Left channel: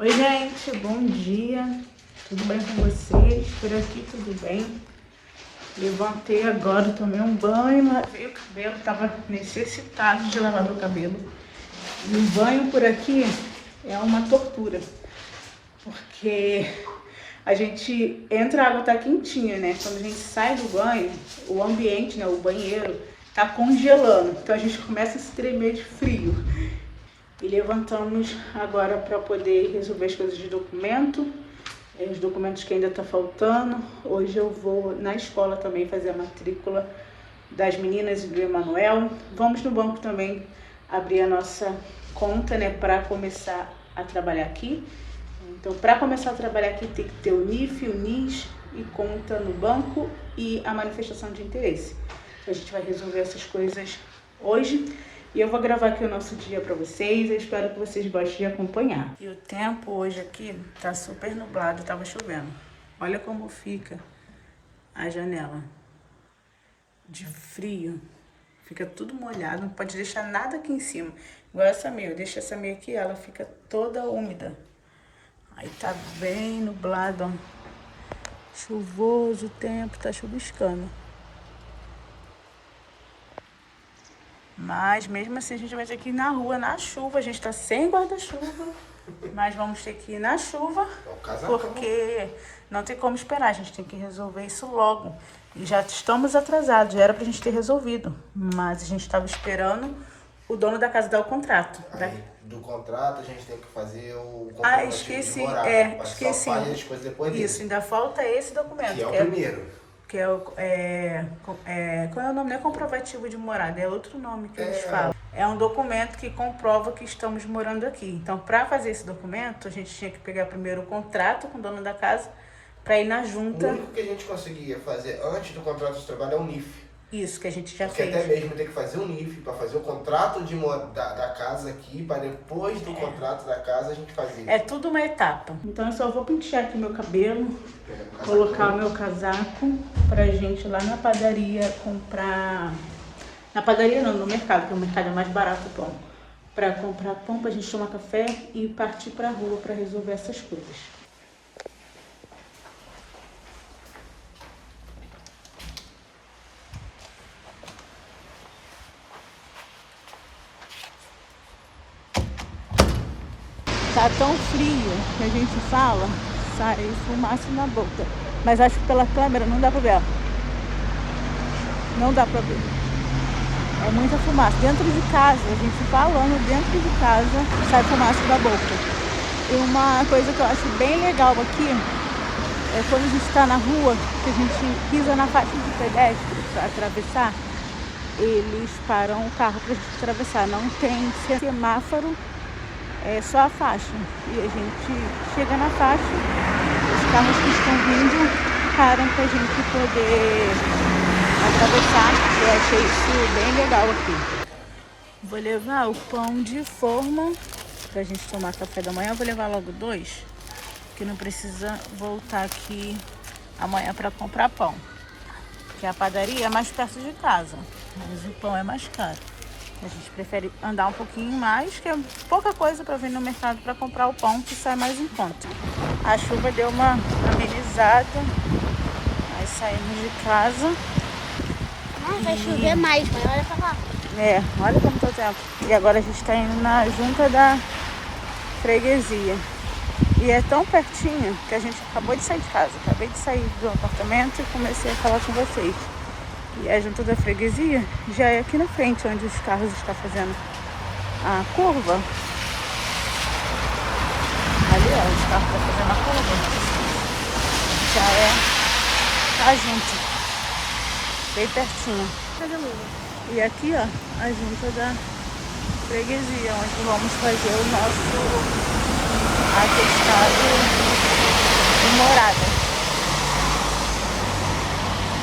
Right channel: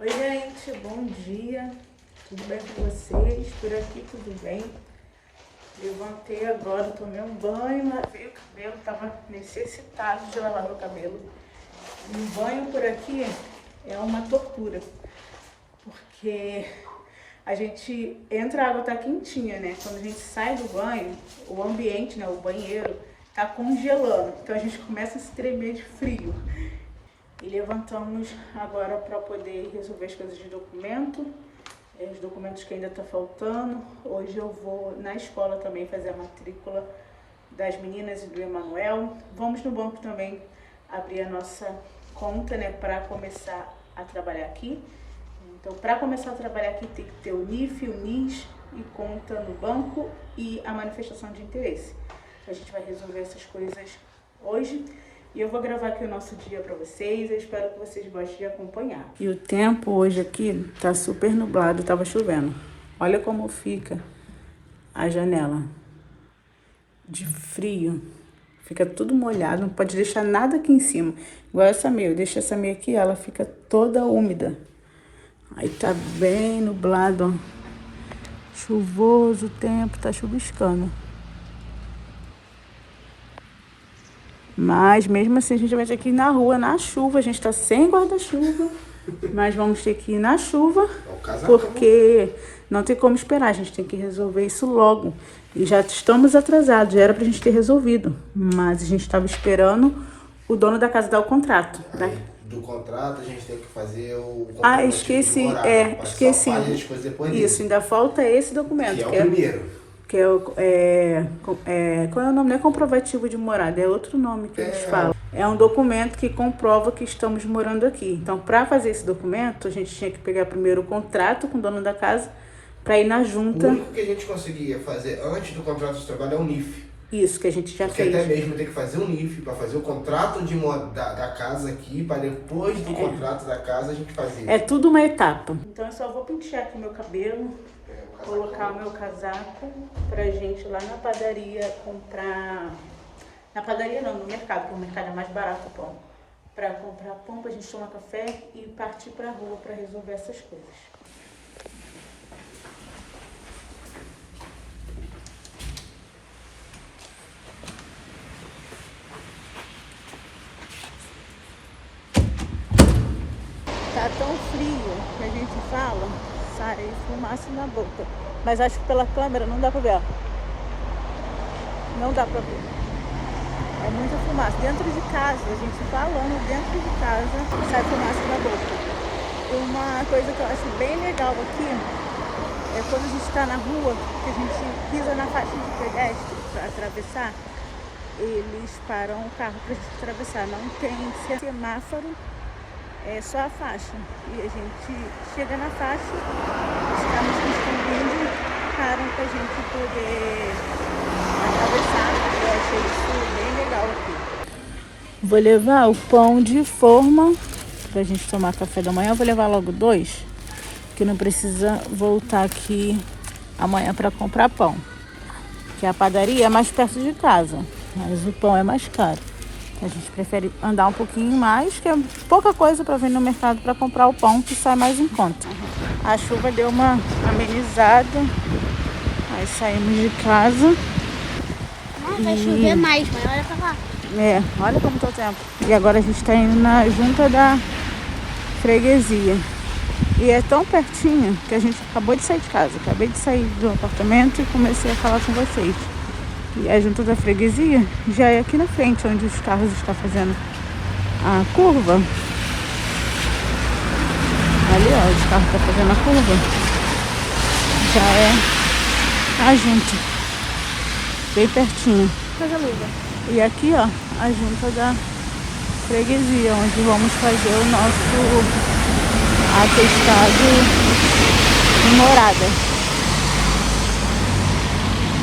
Oi, gente, bom dia. Tudo bem com vocês? Por aqui tudo bem. Levantei agora, tomei um banho, lavei o cabelo, tava necessitado de lavar meu cabelo. E o banho por aqui é uma tortura, porque a gente entra, a água tá quentinha, né? Quando a gente sai do banho, o ambiente, né, o banheiro, tá congelando. Então a gente começa a se tremer de frio. E levantamos agora para poder resolver as coisas de documento, os documentos que ainda tá faltando. Hoje eu vou na escola também fazer a matrícula das meninas e do Emanuel. Vamos no banco também abrir a nossa conta, né, para começar a trabalhar aqui. Então, para começar a trabalhar aqui tem que ter o NIF, o NIS e conta no banco e a manifestação de interesse. Então, a gente vai resolver essas coisas hoje. E eu vou gravar aqui o nosso dia para vocês, eu espero que vocês gostem de acompanhar. E o tempo hoje aqui tá super nublado, tava chovendo. Olha como fica a janela de frio. Fica tudo molhado, não pode deixar nada aqui em cima. Igual essa meia, eu deixo essa meia aqui, ela fica toda úmida. Aí tá bem nublado, ó. Chuvoso o tempo, tá chuviscando. Mas mesmo assim a gente vai ter que ir na rua, na chuva. A gente tá sem guarda-chuva, mas vamos ter que ir na chuva, porque não tem como esperar. A gente tem que resolver isso logo. E já estamos atrasados, já era pra gente ter resolvido. Mas a gente estava esperando o dono da casa dar o contrato, né? Aí, do contrato a gente tem que fazer o Esqueci, de morada, esqueci. as coisas depois dele. Isso, ainda falta esse documento. Que é o primeiro. Que qual é o nome? Não é comprovativo de morada, é outro nome que eles falam. É um documento que comprova que estamos morando aqui. Então, para fazer esse documento, a gente tinha que pegar primeiro o contrato com o dono da casa para ir na junta. O único que a gente conseguia fazer antes do contrato de trabalho é o NIF. Isso, que a gente já porque fez. Até mesmo tem que fazer um NIF para fazer o contrato da casa aqui, para depois do contrato da casa a gente fazer. É tudo uma etapa. Então, eu só vou pentear aqui meu cabelo, colocar o meu casaco pra gente ir lá na padaria comprar. Na padaria não, no mercado, porque o mercado é mais barato o pão. Pra comprar pão, pra gente tomar café e partir pra rua pra resolver essas coisas. Tá tão frio que a gente fala, sai fumaça na boca. Mas acho que pela câmera não dá pra ver, ó. Não dá pra ver. É muita fumaça. Dentro de casa, a gente falando dentro de casa, sai fumaça da boca. E uma coisa que eu acho bem legal aqui é quando a gente tá na rua, que a gente pisa na faixa de pedestre pra atravessar, eles param o carro pra gente atravessar. Não tem semáforo, é só a faixa. E a gente chega na faixa, os carros que estão vindo param pra gente poder atravessar. Eu achei isso bem legal aqui. Vou levar o pão de forma pra gente tomar café da manhã. Eu vou levar logo 2, que não precisa voltar aqui amanhã pra comprar pão. Que a padaria é mais perto de casa, mas o pão é mais caro. A gente prefere andar um pouquinho mais, que é pouca coisa para vir no mercado para comprar o pão, que sai mais em conta. A chuva deu uma amenizada, aí saímos de casa. Vai chover mais, mas olha pra lá. Olha como tá o tempo. E agora a gente tá indo na junta da freguesia. E é tão pertinho que a gente acabou de sair de casa. Acabei de sair do apartamento e comecei a falar com vocês. E a junta da freguesia já é aqui na frente, onde os carros estão fazendo a curva. Ali, ó, os carros estão fazendo a curva. Já é a junta. Bem pertinho. E aqui, ó, a junta da freguesia, onde vamos fazer o nosso atestado de morada.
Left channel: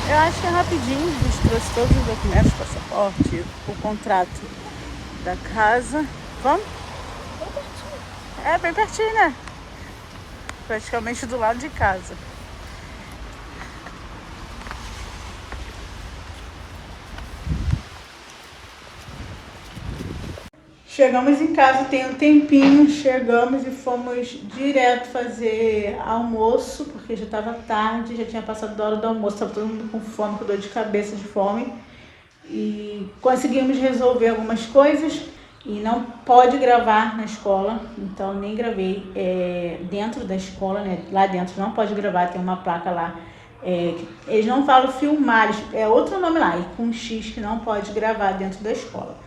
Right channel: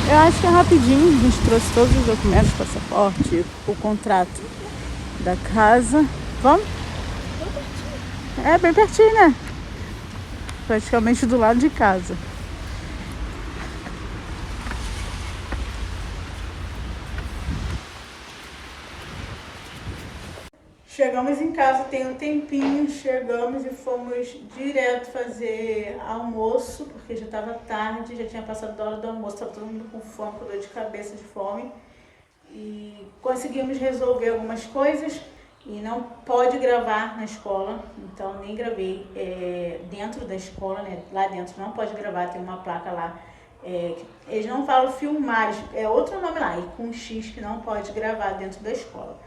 Eu acho que é rapidinho, a gente trouxe todos os documentos, passaporte, o contrato da casa. Vamos? É bem pertinho, né? Praticamente do lado de casa. Chegamos em casa, tem um tempinho, chegamos e fomos direto fazer almoço, porque já estava tarde, já tinha passado da hora do almoço, estava todo mundo com fome, com dor de cabeça, de fome. E conseguimos resolver algumas coisas e não pode gravar na escola, então nem gravei dentro da escola, né? Lá dentro não pode gravar, tem uma placa lá. Eles não falam filmar, é outro nome lá, com X que não pode gravar dentro da escola.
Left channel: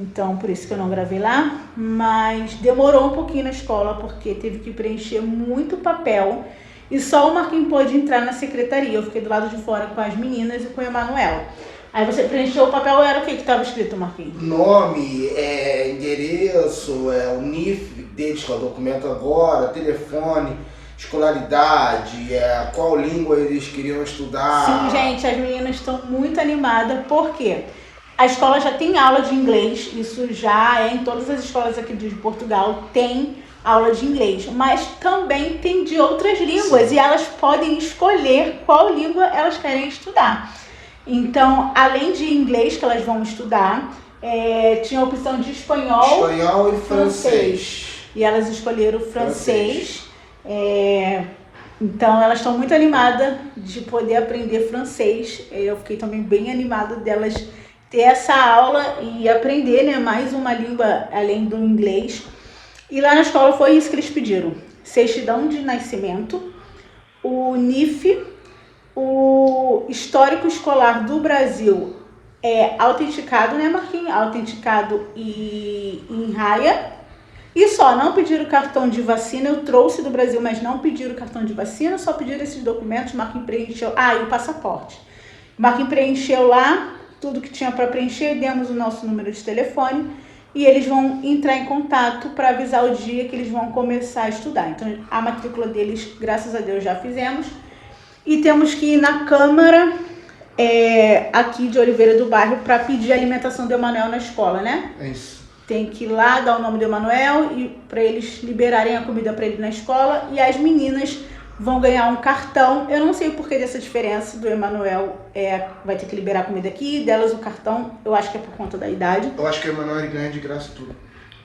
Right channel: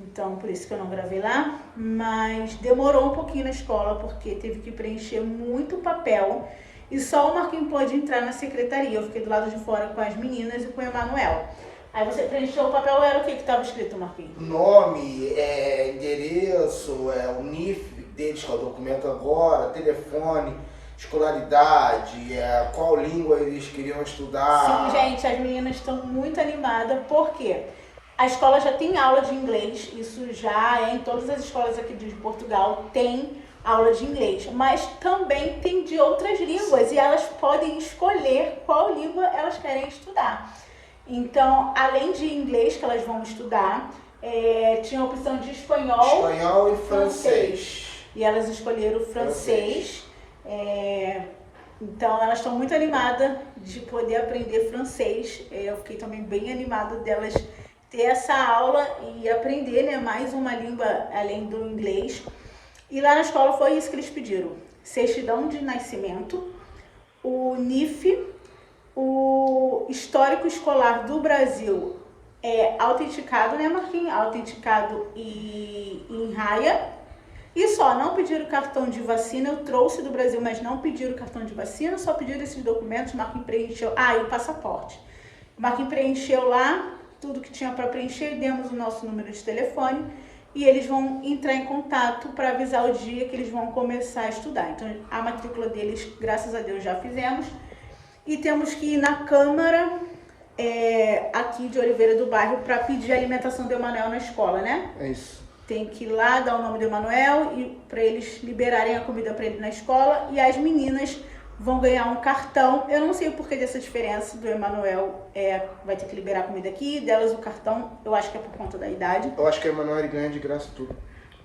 Então, por isso que eu não gravei lá, mas demorou um pouquinho na escola, porque teve que preencher muito papel e só o Marquinhos pôde entrar na secretaria. Eu fiquei do lado de fora com as meninas e com o Emanuel. Aí você preencheu o papel, era o que estava escrito, Marquinhos? Nome, endereço, o NIF deles, que é o documento agora, telefone, escolaridade, qual língua eles queriam estudar. Sim, gente, as meninas estão muito animadas, porque a escola já tem aula de inglês, isso já é em todas as escolas aqui de Portugal, tem aula de inglês, mas também tem de outras línguas. Sim. E elas podem escolher qual língua elas querem estudar. Então, além de inglês que elas vão estudar, tinha a opção de espanhol e francês. E elas escolheram o francês. Então, elas estão muito animadas de poder aprender francês. Eu fiquei também bem animada delas ter essa aula e aprender, né, mais uma língua além do inglês. E lá na escola foi isso que eles pediram: certidão de nascimento, o NIF, o histórico escolar do Brasil autenticado, né, Marquinhos? Autenticado e em raia. E só, não pediram cartão de vacina. Eu trouxe do Brasil, mas não pediram cartão de vacina, só pediram esses documentos. Marquinhos preencheu. E o passaporte. Marquinhos preencheu lá tudo que tinha para preencher, demos o nosso número de telefone e eles vão entrar em contato para avisar o dia que eles vão começar a estudar. Então, a matrícula deles, graças a Deus, já fizemos. E temos que ir na Câmara aqui de Oliveira do Bairro para pedir a alimentação do Emanuel na escola, né? É isso. Tem que ir lá, dar o nome do Emanuel e para eles liberarem a comida para ele na escola. E as meninas vão ganhar um cartão. Eu não sei o porquê dessa diferença do Emanuel, vai ter que liberar a comida aqui, delas o cartão, eu acho que é por conta da idade. Eu acho que o Emanuel ganha de graça tudo.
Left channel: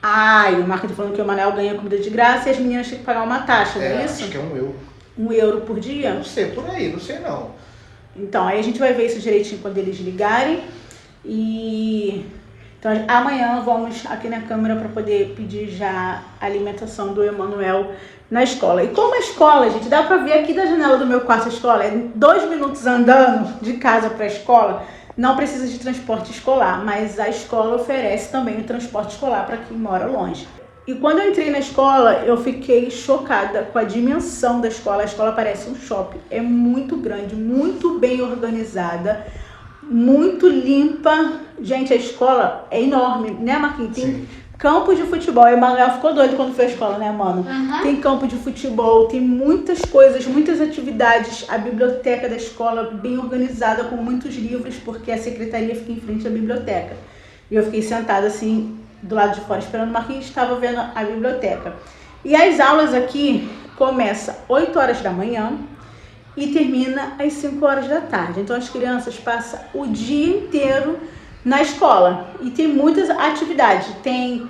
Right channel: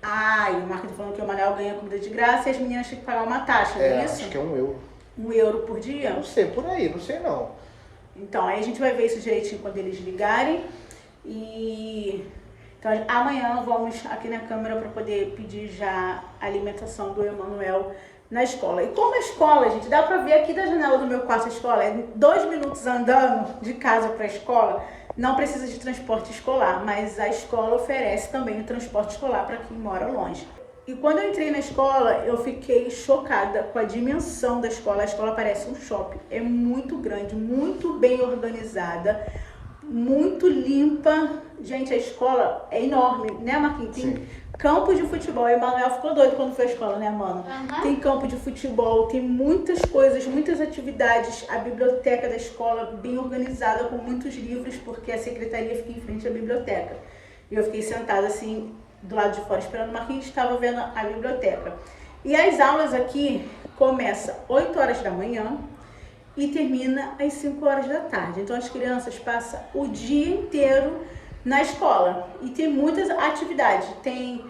E o Marco tá falando que o Emanuel ganha comida de graça e as meninas têm que pagar uma taxa, não é isso? Acho que é €1. €1 por dia? Não sei, por aí, não sei não. Então, aí a gente vai ver isso direitinho quando eles ligarem. Então, amanhã vamos aqui na Câmara para poder pedir já a alimentação do Emanuel na escola. E como a escola, gente, dá pra ver aqui da janela do meu quarto a escola, 2 minutos andando de casa pra escola, não precisa de transporte escolar, mas a escola oferece também o transporte escolar para quem mora longe. E quando eu entrei na escola, eu fiquei chocada com a dimensão da escola. A escola parece um shopping, é muito grande, muito bem organizada, muito limpa. Gente, a escola é enorme, né, Marquinhos? Tem campo de futebol. O Emanuel ficou doido quando foi à escola, né, mano? Uhum. Tem campo de futebol, tem muitas coisas, muitas atividades. A biblioteca da escola bem organizada, com muitos livros, porque a secretaria fica em frente à biblioteca. E eu fiquei sentada assim, do lado de fora, esperando o Marquinhos, estava vendo a biblioteca. E as aulas aqui começam 8 horas da manhã e termina às 5 horas da tarde. Então as crianças passam o dia inteiro na escola e tem muitas atividades. Tem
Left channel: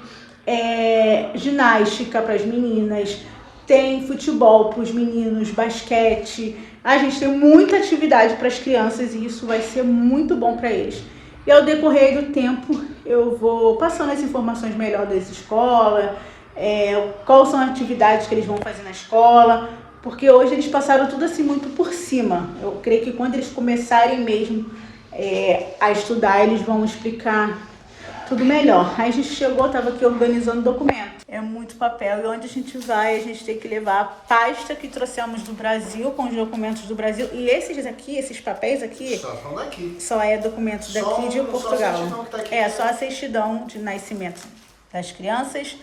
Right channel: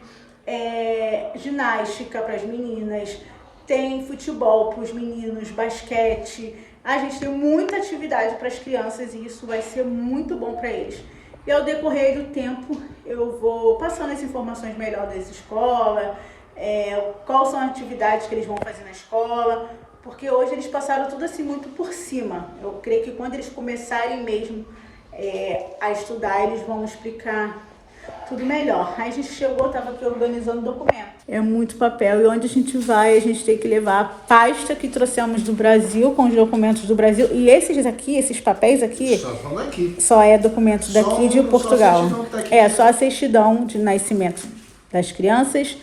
ginástica para as meninas, tem futebol para os meninos, basquete. A gente tem muita atividade para as crianças e isso vai ser muito bom para eles. E ao decorrer do tempo eu vou passando as informações melhor dessa escola, quais são as atividades que eles vão fazer na escola, porque hoje eles passaram tudo assim muito por cima. Eu creio que quando eles começarem mesmo a estudar, eles vão explicar tudo melhor. Aí a gente chegou, estava aqui organizando o documento. É muito papel e onde a gente vai, a gente tem que levar a pasta que trouxemos do Brasil, com os documentos do Brasil. E esses aqui, esses papéis aqui, só é documentos daqui de Portugal. Só a certidão de nascimento das crianças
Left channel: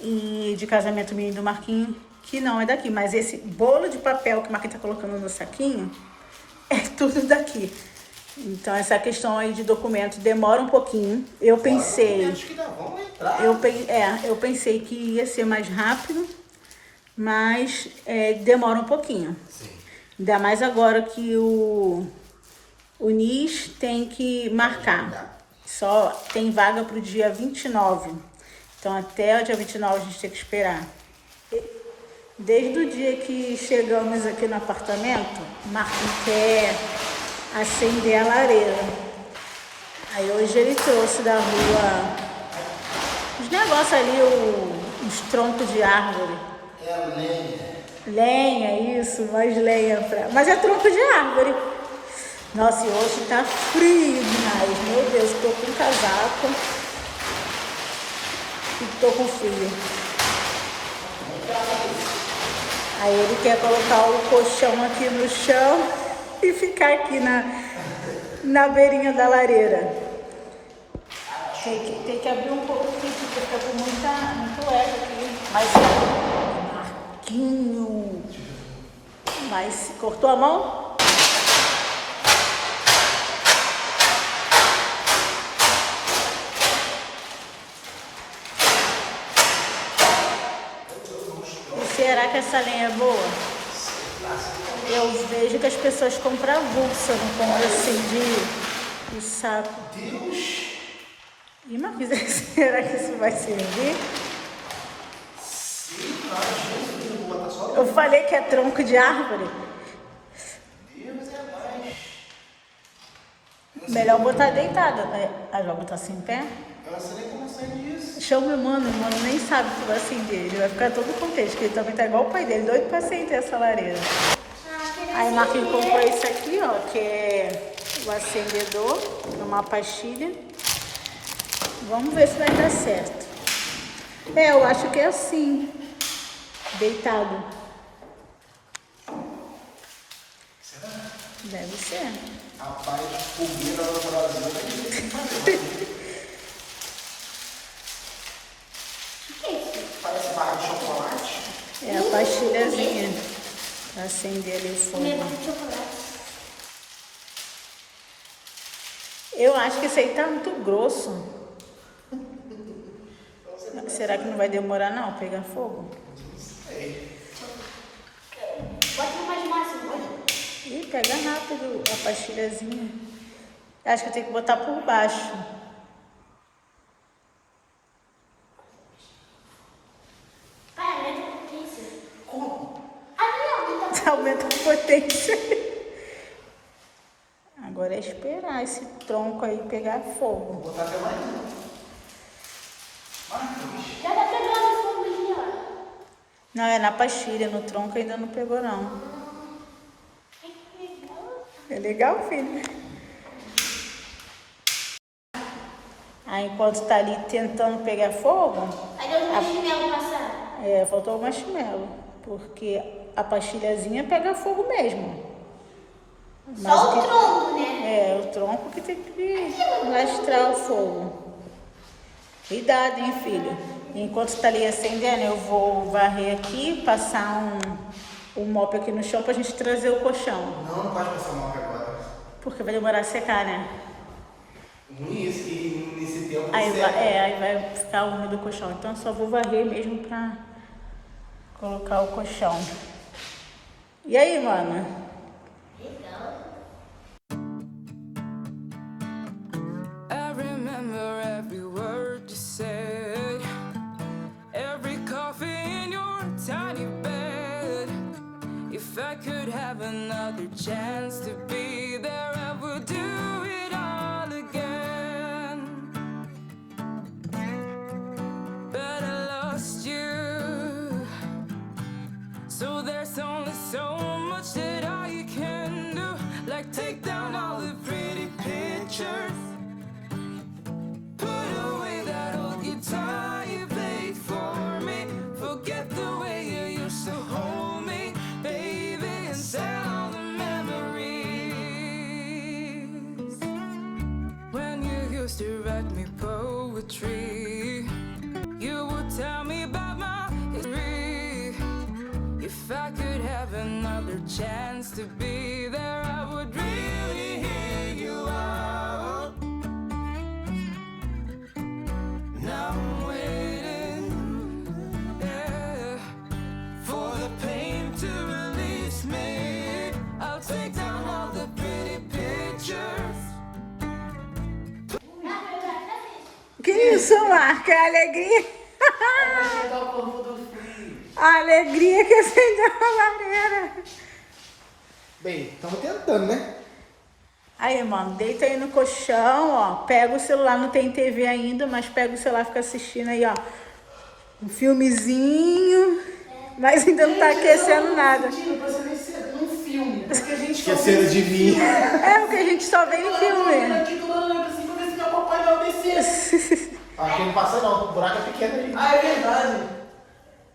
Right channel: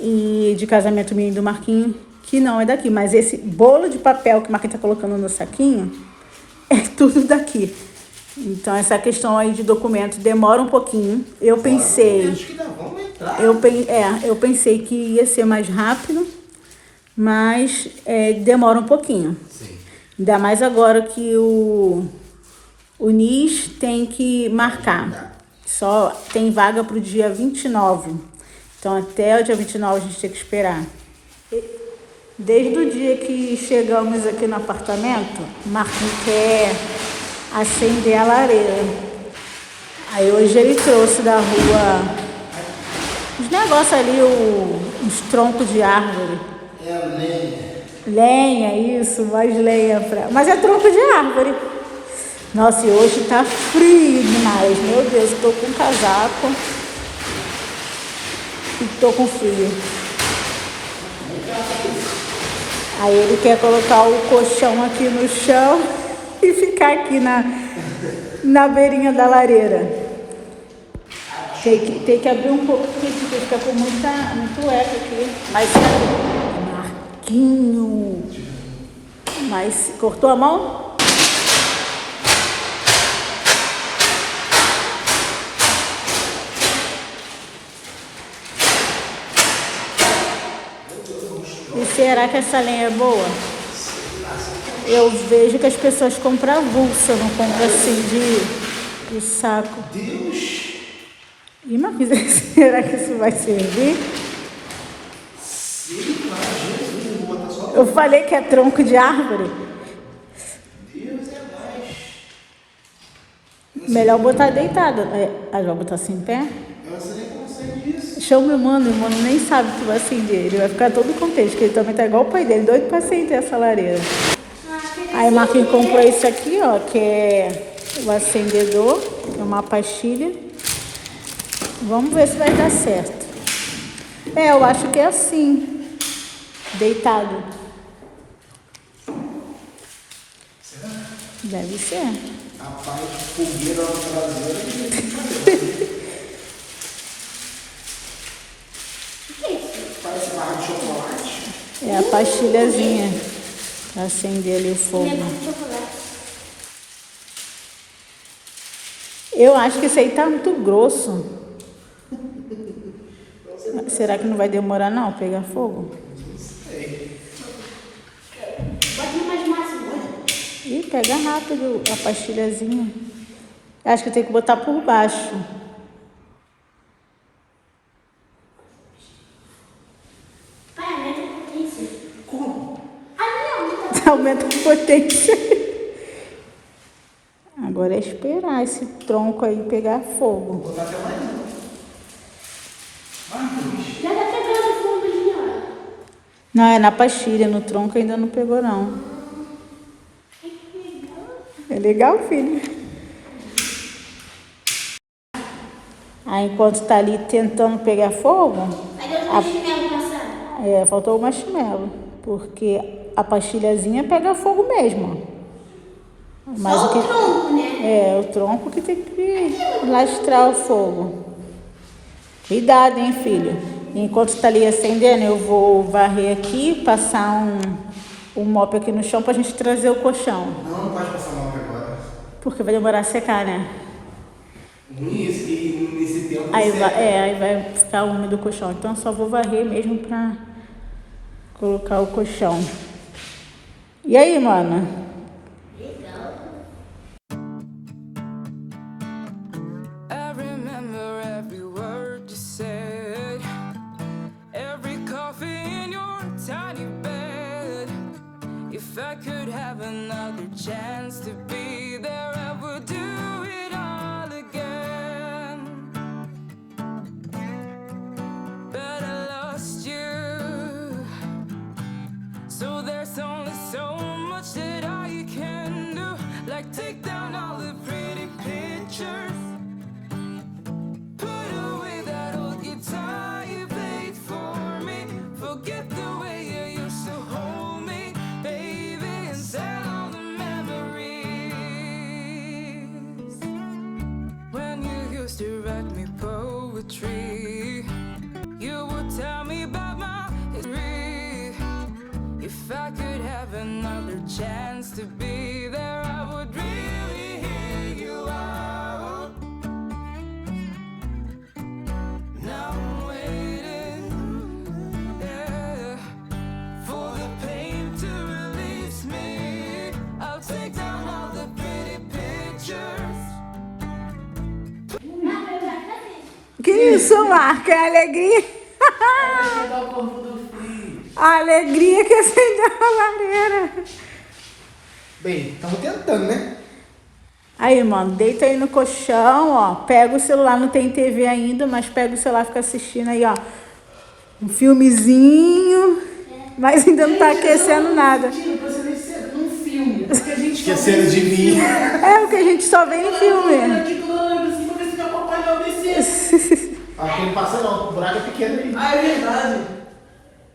e de casamento minha e do Marquinhos, que não é daqui. Mas esse bolo de papel que o Marquinhos tá colocando no saquinho é tudo daqui. Então, essa questão aí de documento demora um pouquinho. Eu pensei que ia ser mais rápido, mas demora um pouquinho. Sim. Ainda mais agora que o NIS tem que marcar. Só tem vaga para o dia 29. Então até o dia 29 a gente tem que esperar. Desde o dia que chegamos aqui no apartamento, o Marquinhos quer acender a lareira. Aí hoje ele trouxe da rua os negócios ali, os troncos de árvore. Lenha, isso, mais lenha. Mas é tronco de árvore. Nossa, e hoje tá frio demais. Meu Deus, eu tô com casaco e tô com frio. Aí ele quer colocar o colchão aqui no chão e ficar aqui na beirinha da lareira. Tem que abrir um pouquinho, porque fica com muito eco aqui. Mas Marquinho. Mas cortou a mão? E será que essa lenha é boa? Eu vejo que as pessoas compram avulsa, não compram assim de saco. E Marquinhos, será que isso vai servir? Eu falei que é tronco de árvore. Melhor botar deitado. Vai botar assim em pé? Chama o mano nem sabe que vai acender. Ele vai ficar todo contente, porque ele também tá igual o pai dele, doido pra acender essa lareira. Aí o Marquinhos comprou esse aqui, ó, que é o acendedor, é uma pastilha. Vamos ver se vai dar certo. Eu acho que é assim, deitado. Deve ser. A parte de fogueira na traseira. Parece barra de chocolate. É a pastilhazinha pra acender ali o fogo. Eu acho que esse aí tá muito grosso. Será que não vai demorar não pegar fogo? Ih, pega rápido a pastilhazinha. Acho que eu tenho que botar por baixo. Aumenta a potência. Agora é esperar esse tronco aí pegar fogo. Vou botar até mais. Já tá pegando fogo ali, ó. Não, é na pastilha, no tronco ainda não pegou não. É legal, filho. Aí enquanto tá ali tentando pegar fogo... Cadê o marshmallow passando? Faltou o marshmallow. Porque a pastilhazinha pega fogo mesmo. Mas só o tronco, né? O tronco que tem que lastrar o fogo. Cuidado, hein, filho. Enquanto tá ali acendendo, eu vou varrer aqui, passar um mop aqui no chão pra gente trazer o colchão. Não pode passar mop agora. Porque vai demorar a secar, né? Nesse tempo. Aí vai ficar úmido o colchão. Então eu só vou varrer mesmo pra colocar o colchão. E aí, mano? Legal. I remember every word you said, every coffee in your tiny bed. If I could have another chance to be there, I would do it all again. But I lost you, so there's only so much that I can do, like take down all the pretty pictures, put away that old guitar you played for me, forget the way you used to hold me, baby, and sell all the memories. When you used to write me poetry, you would tell me about my history. If I could have another chance to be there, I would really hear you out. Now I'm waiting, for the pain to release me. I'll take down all the pretty pictures. Que isso, Marca? É alegria? Esquentar o corpo do filho. A alegria que acendeu a lareira. Bem, estamos tentando, né? Aí, mano, deita aí no colchão, ó. Pega o celular, não tem TV ainda, mas pega o celular e fica assistindo aí, ó. Um filmezinho, mas ainda não tá aquecendo nada. Esquecendo de mim. É o que a gente só vê em filme. Aqui não passa não, o buraco é pequeno aí. Ah, é verdade.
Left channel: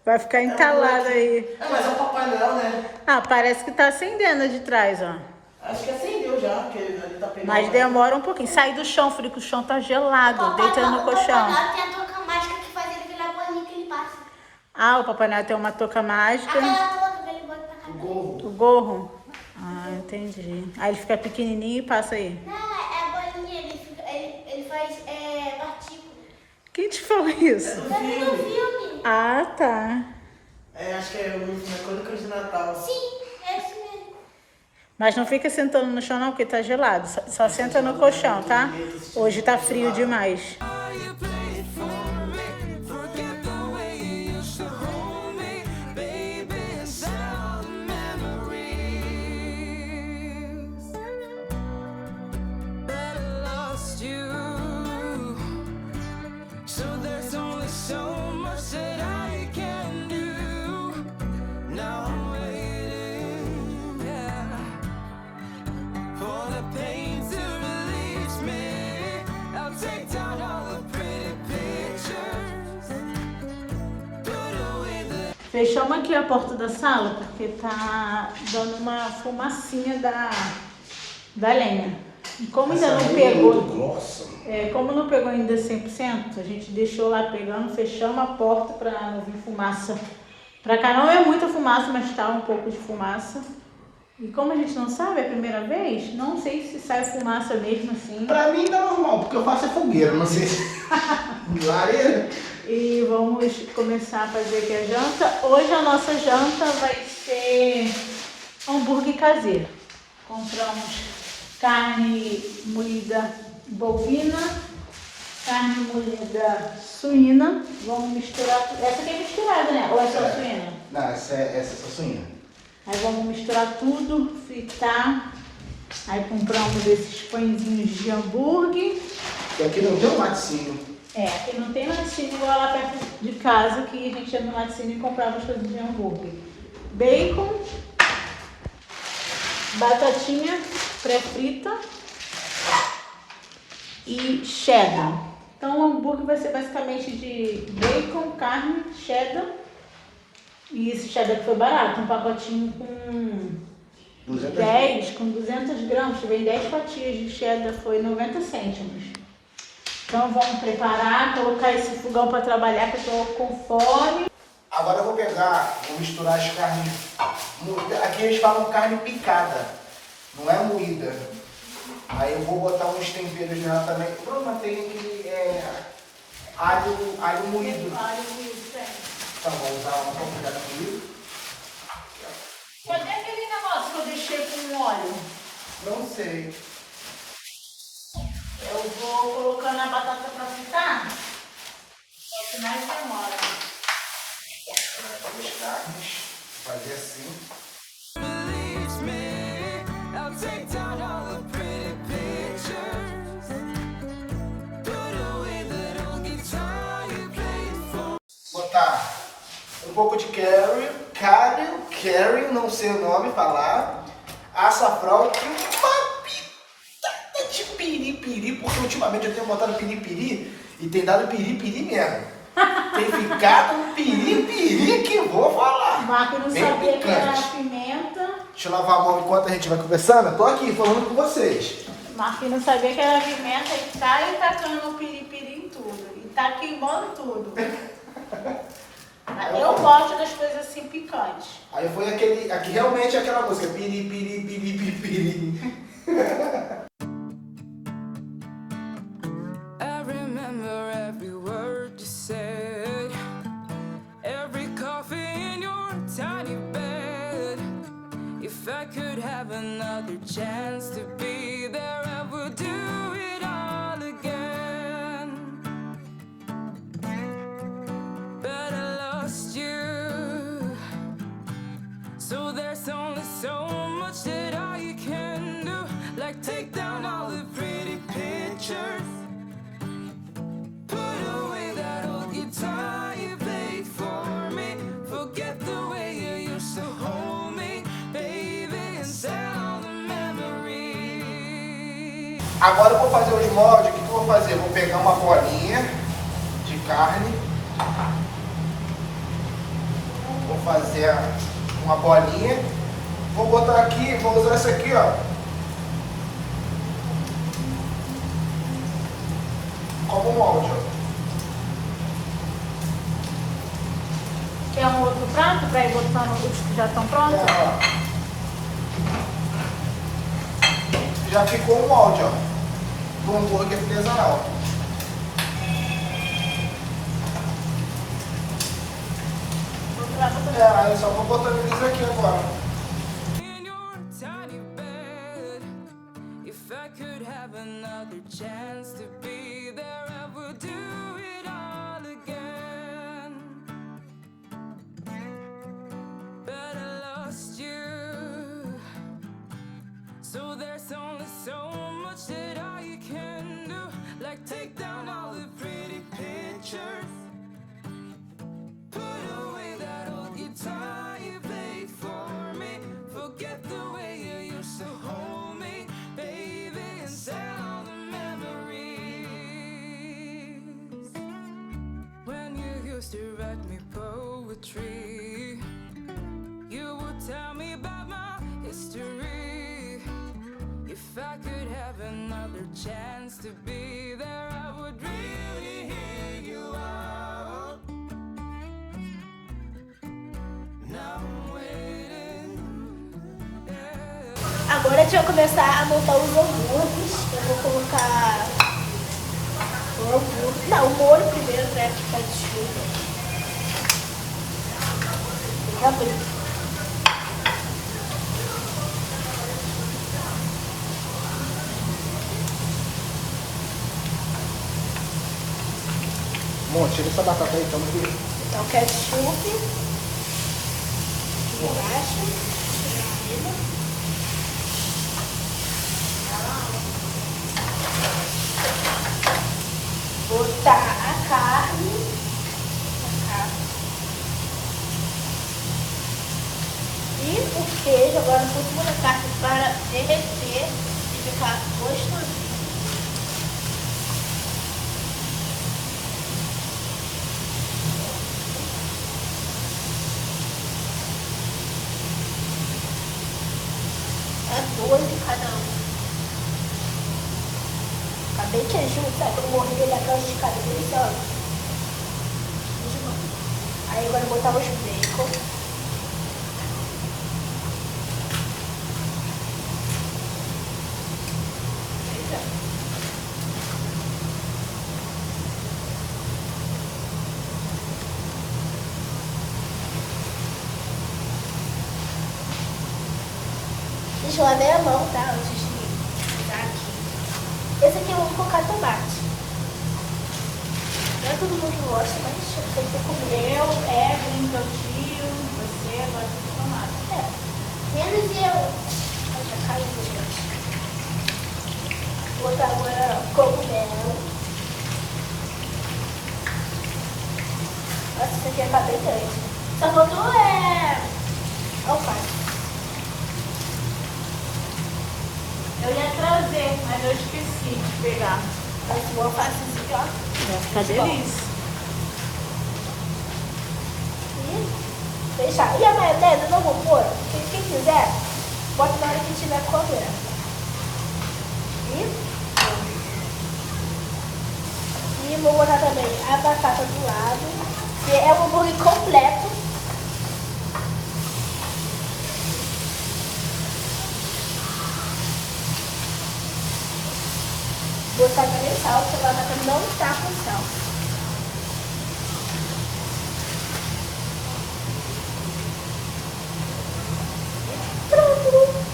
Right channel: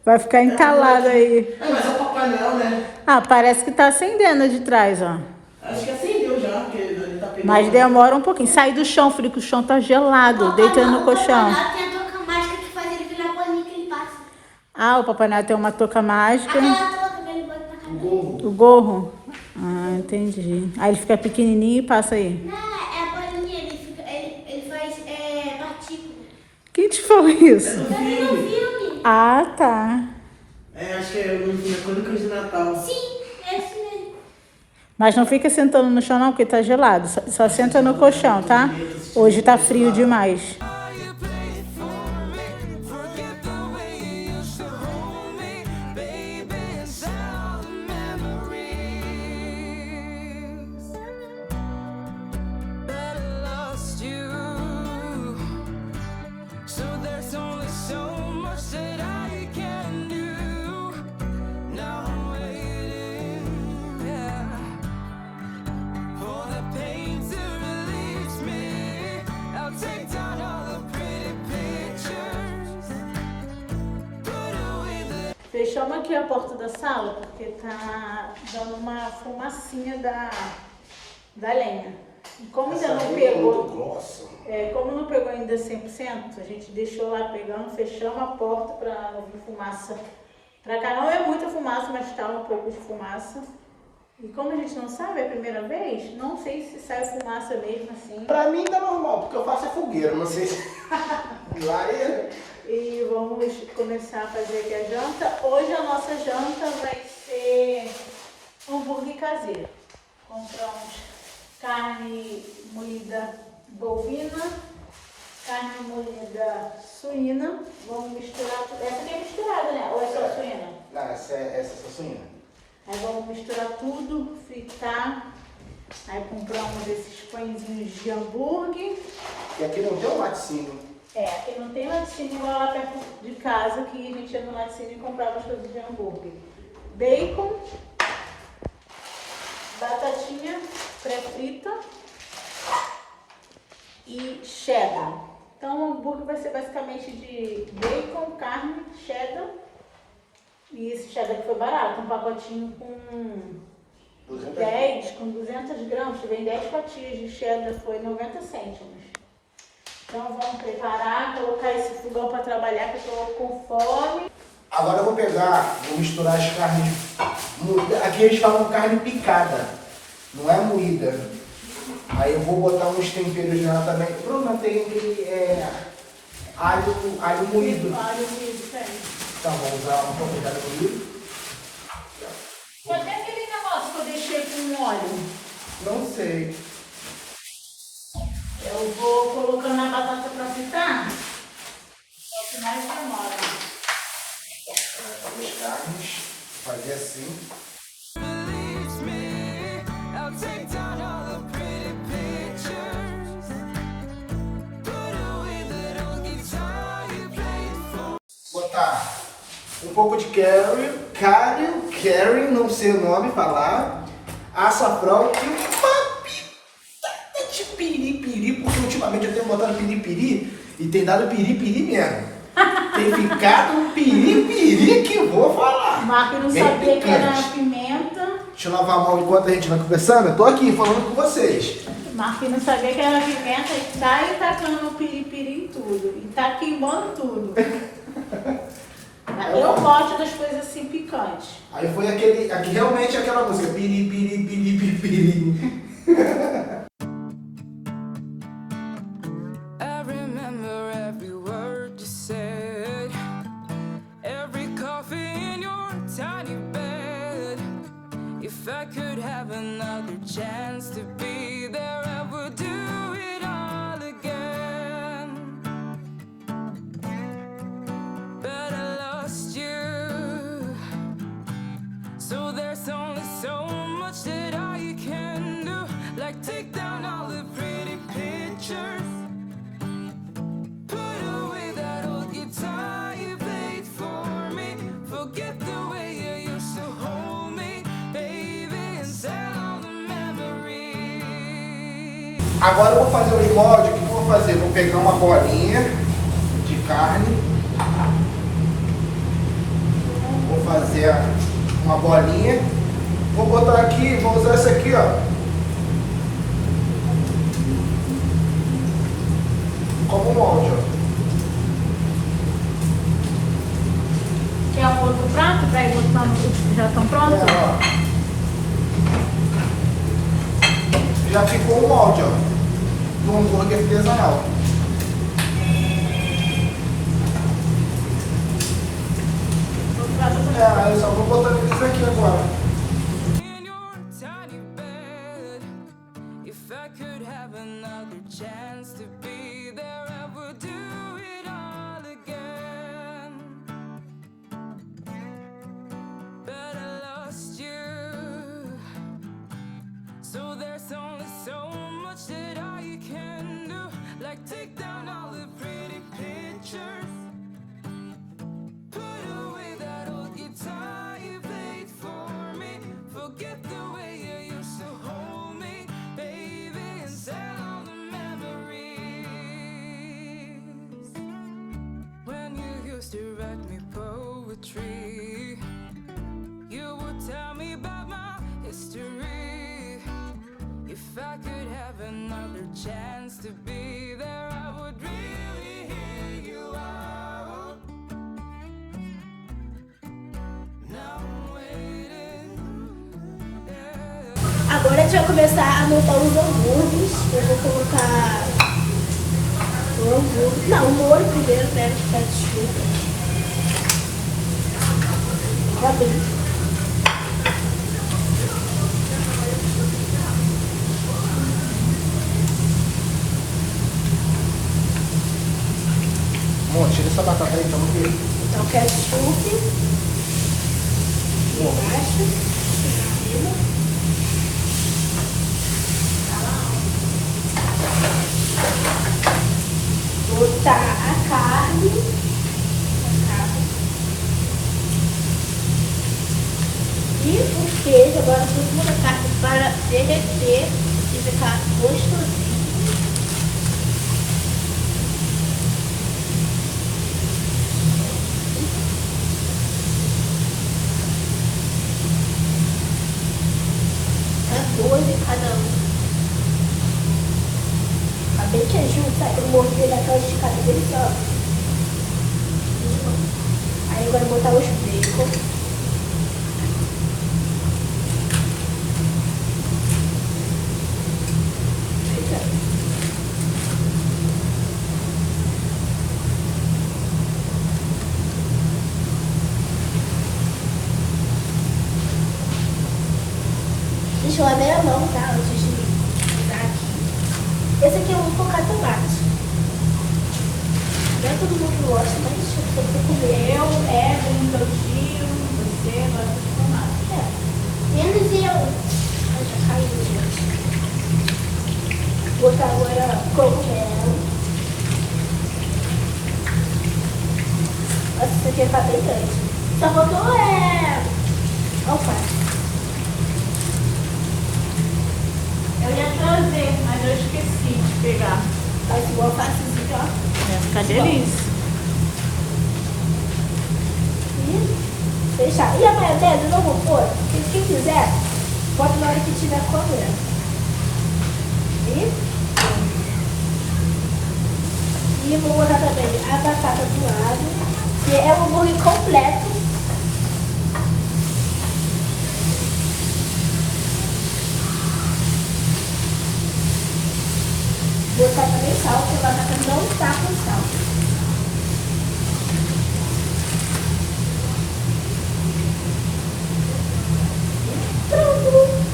Vai ficar entalado aí. É, mas é o Papai Noel, né? Ah, parece que tá acendendo de trás, ó. Acho que acendeu já, porque ele tá pegando. Mas demora um pouquinho. Sai do chão, filho, que o chão tá gelado. Deita no colchão. Tem a touca mágica que faz ele virar bolinha que ele passa. Ah, o Papai Noel tem uma touca mágica. Aquela touca que ele bota pra cá. O gorro? Ah, entendi. Aí ele fica pequenininho e passa aí. Não, é a bolinha, ele faz partícula. Quem te falou isso? Eu vi no filme. Ah, tá. É, acho que é no Crônicas de Natal. Sim, é isso mesmo. Mas não fica sentando no chão não, porque tá gelado. Só senta no colchão, tá? Hoje tá frio demais. You played for me. Forget the way you used to hold me, baby. Inside the memories that I lost you. So there's only so much that I can do. Now I'm waiting, yeah, for the pain to release me. I'll take down all the pretty pictures, put away the Fechamos aqui a porta da sala, porque tá dando uma fumacinha da lenha. E como ainda não pegou, Grossa. como não pegou ainda 100%, a gente deixou lá pegando, fechamos a porta para não vir fumaça. Pra cá não é muita fumaça, mas tá um pouco de fumaça. E como a gente não sabe, é a primeira vez, não sei se sai fumaça mesmo assim. Pra mim tá normal, porque eu faço é fogueira, não sei se... Lareira. E vamos começar a fazer aqui a janta. Hoje a nossa janta vai ser hambúrguer caseiro. Compramos carne moída bovina, carne moída suína. Vamos misturar. Essa aqui é misturada, né? Ou é só suína? Não, essa é só suína. Aí vamos misturar tudo, fritar. Aí compramos esses pãezinhos de hambúrguer. E aqui não tem um laticínio. E não tem laticínio igual lá perto de casa, que a gente ia no laticínio e comprava as coisas de hambúrguer. Bacon, batatinha pré-frita e cheddar. Então o hambúrguer vai ser basicamente de bacon, carne, cheddar. E esse cheddar que foi barato, um pacotinho com 200 gramas, vem 10 fatias de cheddar, foi 90 cêntimos. Então vamos preparar, colocar esse fogão para trabalhar, que eu tô com fome. Agora eu vou pegar, vou misturar as carnes. Aqui eles falam carne picada, não é moída. Aí eu vou botar uns temperos nela também. Bruna, tem alho moído. Alho moído, tem. Então vou usar um pouco de alho moído. Cadê aquele negócio que eu deixei com óleo? Não sei. Eu vou colocando a batata para fritar. É que mais demora. As carnes, fazer assim. release me. I'll take down all the pretty pictures, put away that old guitar you played for. Botar um pouco de curry, não sei o nome falar, açafrão e uma pitada de piripiri, porque ultimamente eu tenho botado piripiri e tem dado piripiri mesmo. Tem ficado um piripiri que eu vou falar. Marco não Bem sabia que era picante. pimenta. Deixa eu lavar a mão enquanto a gente vai conversando. Eu tô aqui falando com vocês. Marco não sabia que era pimenta e tá tacando piripiri em tudo. E tá queimando tudo. Mas eu gosto das coisas assim picantes. Aí foi aqui realmente aquela música piripiri. I remember every word you said, every coffee in your tiny bed. If I could have another chance to be there, I would do it all again. So there's only so much that I can do, like take down all the pretty pictures, put away that old guitar you played for me, forget the way you used to hold me, baby, and sell all the memories. Agora eu vou fazer um molde. O que eu vou fazer? Vou pegar uma bolinha de carne. Vou fazer uma bolinha. Vou botar aqui, vou usar essa aqui, ó. Como molde, ó. Quer um outro prato para ir botando os que já estão prontos? Já ficou o molde, ó. Do hambúrguer artesanal. Eu só vou botar isso aqui agora. In your tiny bed, if I could have another chance to be there, I would do it all again. But I lost you, so there's only so much that I can do, like take down all the pretty pictures, put away that old guitar you played for me, forget the way you used to hold me, baby, and sell all the memories. When you used to write me poetry, you would tell me about my history. If I could have another chance to be there, I would really hear you out. Now I'm waiting, yeah. Agora a gente vai começar a montar os hambúrgueres. Eu vou colocar o hambúrguer. Não, o molho primeiro pra ficar desfeito. Abrir. Então, ketchup. Embaixo. Botar a carne. E o queijo agora por cima da carne para derreter e ficar gostosinho. Dois de cada um. Tá bem queijinho, sabe? Eu morder naquela esticada dele, ó. Aí agora eu vou botar os bacon. Deixa eu lavar a mão, tá? Antes de botar aqui. Esse aqui eu vou colocar tomate. Não é todo mundo que gosta, mas você tem que comer. Eu, Evelyn, meu tio, você, gosta de tomate. É. Menos eu. Ai, já caiu, gente. Vou botar agora cogumelo. Nossa, isso aqui tá bem grande. Só faltou alface. Eu ia trazer, mas eu esqueci de pegar. Faz igual alfacezinho, ó. Fica delícia. E fechar. E a maionese eu não vou pôr. Quem quiser, bota na hora que estiver comendo. E vou botar também a batata do lado, que é um hambúrguer completo. Botar também sal, porque a batata não está com sal. Pronto!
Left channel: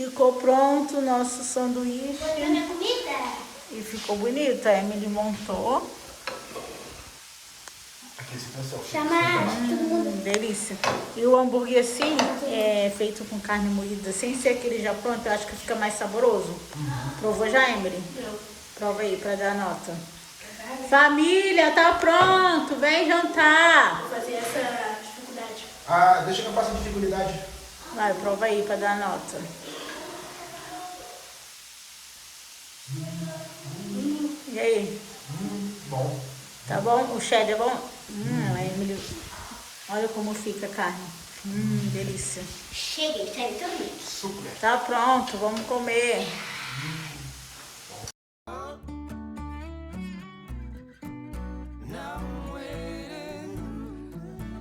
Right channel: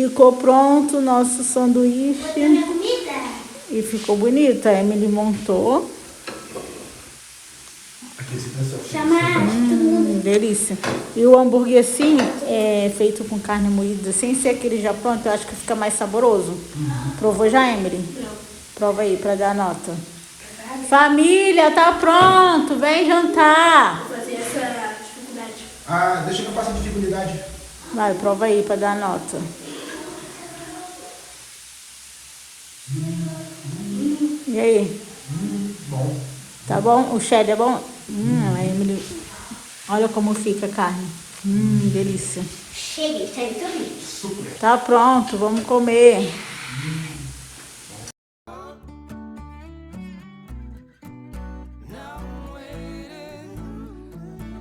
Ficou pronto o nosso sanduíche. E ficou bonito. A Emily montou. Delícia. E o hambúrguer assim, feito com carne moída, sem ser aquele já pronto, eu acho que fica mais saboroso. Provou já, Emily? Não. Prova aí pra dar nota. Família, tá pronto. Vem jantar. Vou fazer essa dificuldade. Ah, deixa que eu faça a dificuldade. Vai, prova aí pra dar nota. E aí? Bom. Tá bom? O cheddar é bom? A Emily. Olha como fica a carne. Delícia. Cheguei, tá então. Super. Tá pronto, vamos comer. Now I'm waiting,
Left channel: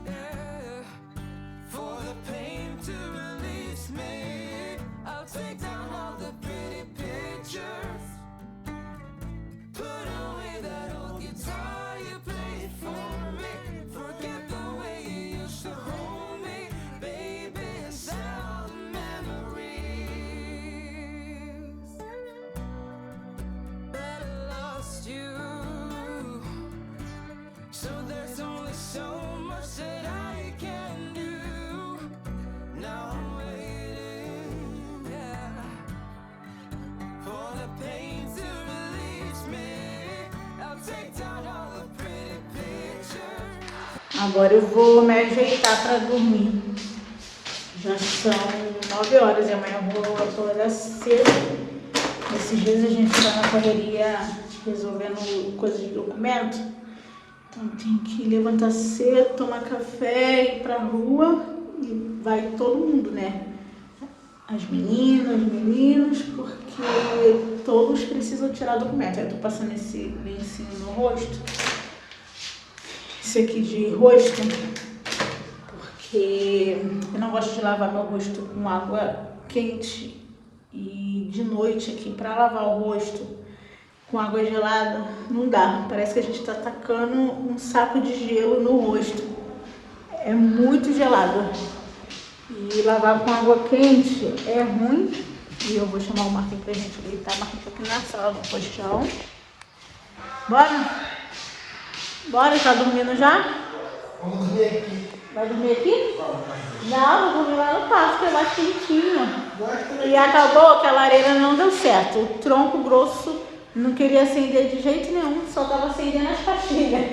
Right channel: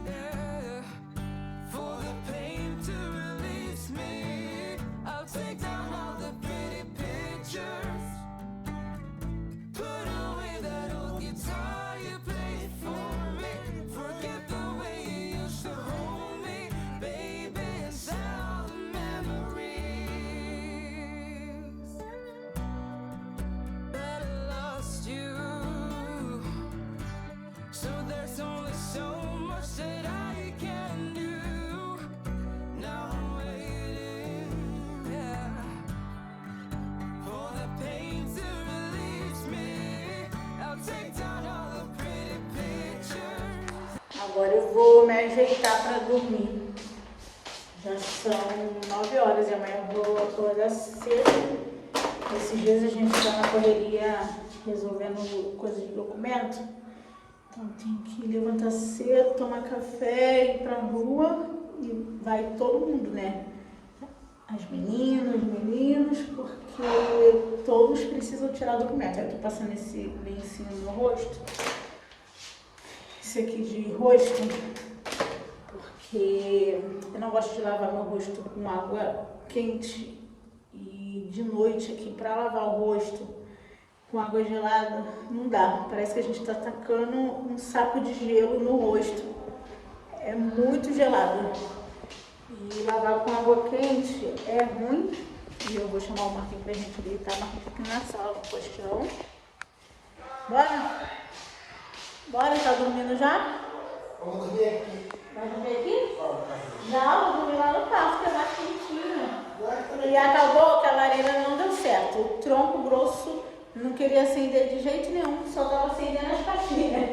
yeah, for the pain to release me. I'll take down all the pretty pictures, put away that old guitar you played for me. Forget the way you used to hold me, baby, and send all the memories that I lost you. So there's only so much that I can do. Now I'm waiting, yeah, for the pain to release me. I'll take down all the pretty pictures. Agora eu vou me ajeitar pra dormir. Já são 9 horas e amanhã eu vou acordar cedo. Esses dias a gente tá na correria resolvendo coisas de documento. Então tem que levantar cedo, tomar café, ir pra rua e vai todo mundo, né? As meninas, os meninos, porque todos precisam tirar documento. Aí eu tô passando esse lencinho no rosto. Esse aqui de rosto, porque eu não gosto de lavar meu rosto com água quente e de noite aqui pra lavar o rosto com água gelada não dá. Parece que a gente tá tacando um saco de gelo no rosto. É muito gelado. E lavar com água quente é ruim. E eu vou chamar o Marquinhos pra gente deitar. Marquinhos aqui na sala, no colchão. Bora? Bora, tá dormindo já? Vamos dormir aqui. Vai dormir aqui? Não, vou dormir lá no pasto, que é mais quentinho. E acabou que a lareira não deu certo. O tronco grosso não queria acender de jeito nenhum, só tava acendendo as pastilhas.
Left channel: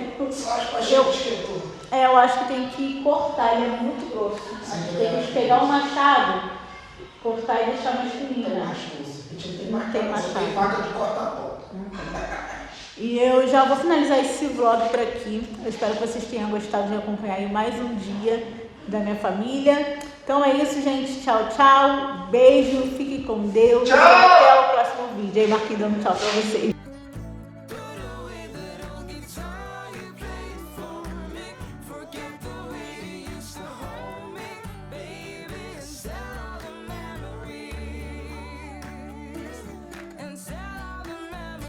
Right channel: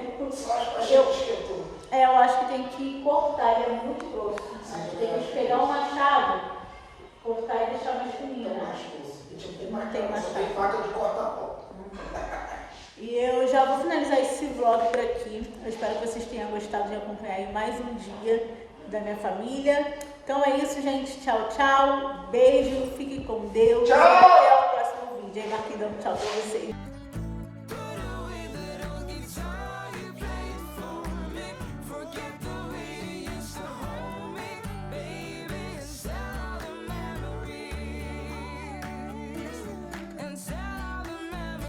Eu acho que tem que cortar, ele é muito grosso. Acho que tem que pegar o machado, cortar e deixar mais fininho. Tem faca de cortar a ponta. E eu já vou finalizar esse vlog por aqui. Eu espero que vocês tenham gostado de acompanhar aí mais um dia da minha família. Então é isso, gente. Tchau, tchau. Beijo, fiquem com Deus. Tchau. Até o próximo vídeo. Aí, Marquinhos dando tchau pra vocês.